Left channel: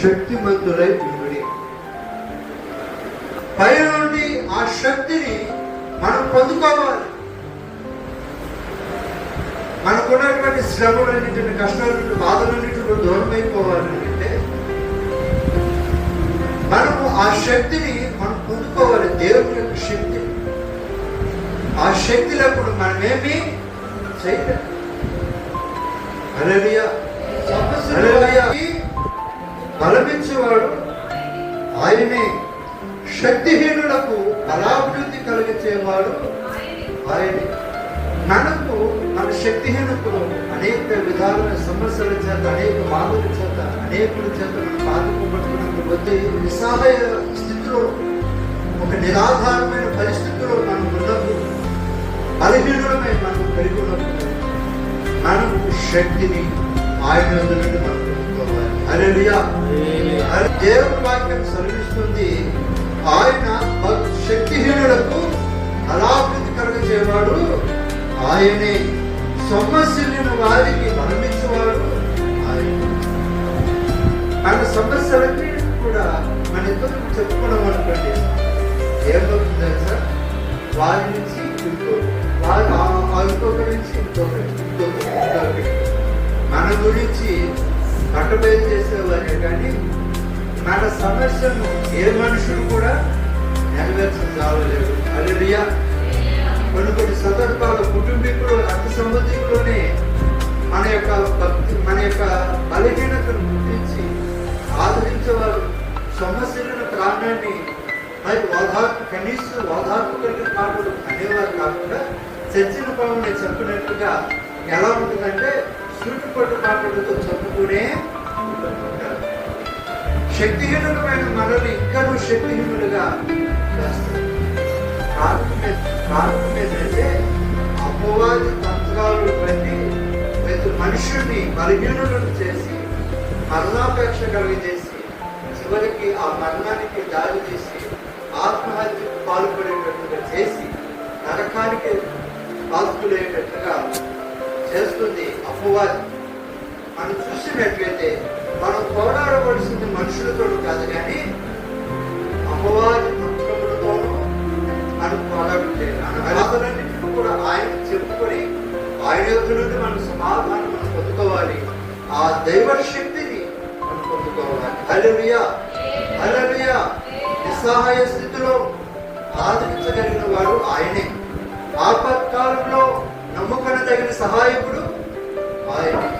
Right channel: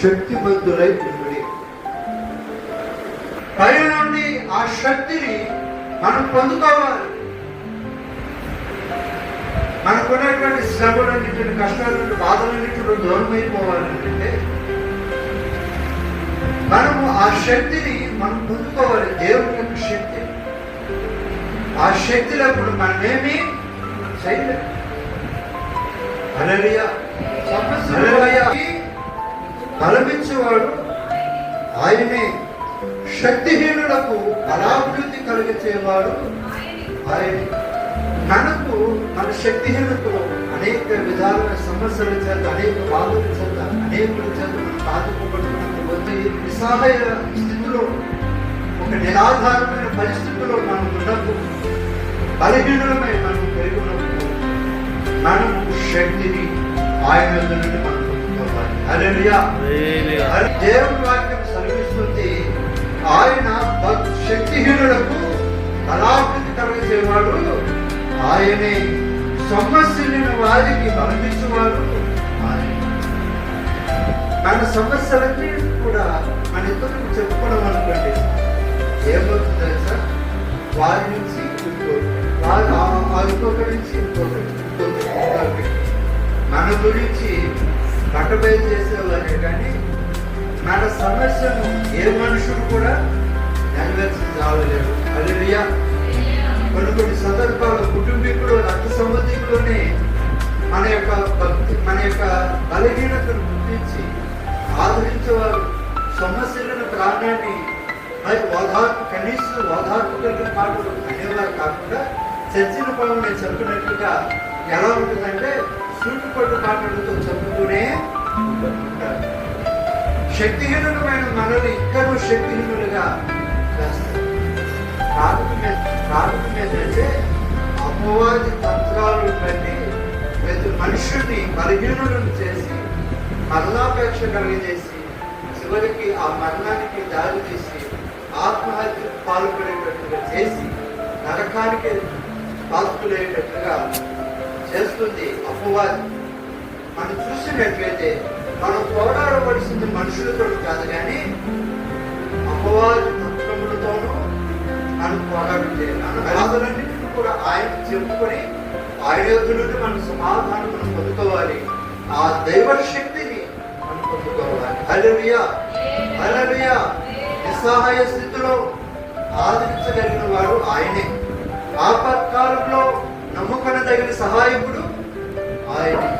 శక్తిమంతులై ఉండి పైన నుండి ఆ శక్తిని మనం పొందుకోవాలి. మనకున్నటువంటి శ్రమలన్నింటిని, కష్టాలన్నింటి, బాధలన్నింటిలో దూరమైపోవాలంటే మనము ఆ శక్తిని మనం పొందుకోవాలి. దేవుని యొక్క శక్తి. ఆ శక్తి లేకుండా మనమేమీ చేయలేము. హల్లెలూయా. బలమిచ్చేవాడు ఆయనే. శక్తిహీనులకు బలాభివృద్ధి కలిగించేవాడు ఆయనే. మనకు మన శక్తిహీనతలో అనేక విధాలైన సమస్యల చేత, అనేక బాధల చేత, అనేకుల చేత మనం బాధపడుతున్నప్పుడు వచ్చే నిస్సహాయ స్థితిలో, ఒక నిరాధారమైన పరిస్థితిలో మనం ఉన్నప్పుడు, బలహీనమై మనం కలిగి ఉన్నప్పుడు మనము శక్తిని ఆయన నుండి మనం పొందుకోవాలి. హల్లెలూయా. దేవుని వాక్యం సెలవిస్తుంది, ఆయన శక్తిహీనులకు బలాభివృద్ధి కలిగించేవాడు ఆయనే. సమస్యలను వారికి బలమిచ్చేవాడు ఆయనే. మన సమస్యలన్నీ కూడా మన ఇద్దరికి చెప్పుకోవడం అనుకోండి, ఏమవుతుందో సార్, వారి నుంచి ఇంకొకరి నుంచి ఇంకొకరి మన గురించి పక్కబయలు చేసేవారే కానీ మన సమస్యను ఏ మనుషులు కూడా నెరవేర్చలేరు. హల్లెలూయా. కొన్ని సందర్భాలు కుటుంబీకులు, రక్త సంబంధికులనే మన యొక్క బలహీనతను గుర్తించి ఆదరించేవారు. సమస్యలను ప్రాణాన్ని కనీసం ఓదార్పు కలిగిన మాటలు అనేవారు కాకుండా చర్చల పనులు నేను చెప్పినట్లుగా ఎలా ఉంటుందంటే సూటిపట్టు మాటలతో చెప్పుతూనే ఉంటారు. శక్తిహీనులమైన మనల్ని ఇంకా శక్తిహీనులుగా చేస్తారు. ప్రార్థన ఏంటంటే అపవాది తంత్రాలు బట్టి ప్రతి మనుషుని బలహీనులను చేసి మరణాపేక్ష కలిగజేసి చివరికి ఆ మరణానికి దారి తీసి ఆత్మహత్యకు పాల్పడేటట్టుగా చేసి నరకానికి పాల్పడేటట్టుగా చేస్తుంది అపవాది. మనం చూసినట్లయితే మనం పోరాడవలసింది మనుషులతో కాదు కానీ అపవాది తంత్రములతోనూ మనం పోరాడలేదు. బాధలన్నింటినీ కూడా ఆయన చెప్పుకొని ఆయన యొద్ద నుండి మన సమాధానం మనం పొందుకోవాలి. ఆ దైవ శక్తిని మనం పొందుకోవాలి. హల్లెలూయా. హల్లెలూయా. నిస్సహాయ స్థితిలో ఆదరించగలిగిన వాడు ఆయనే. ఆపత్కాలంలో నమ్ముకొనదగిన సహాయకుడు ఆయనే.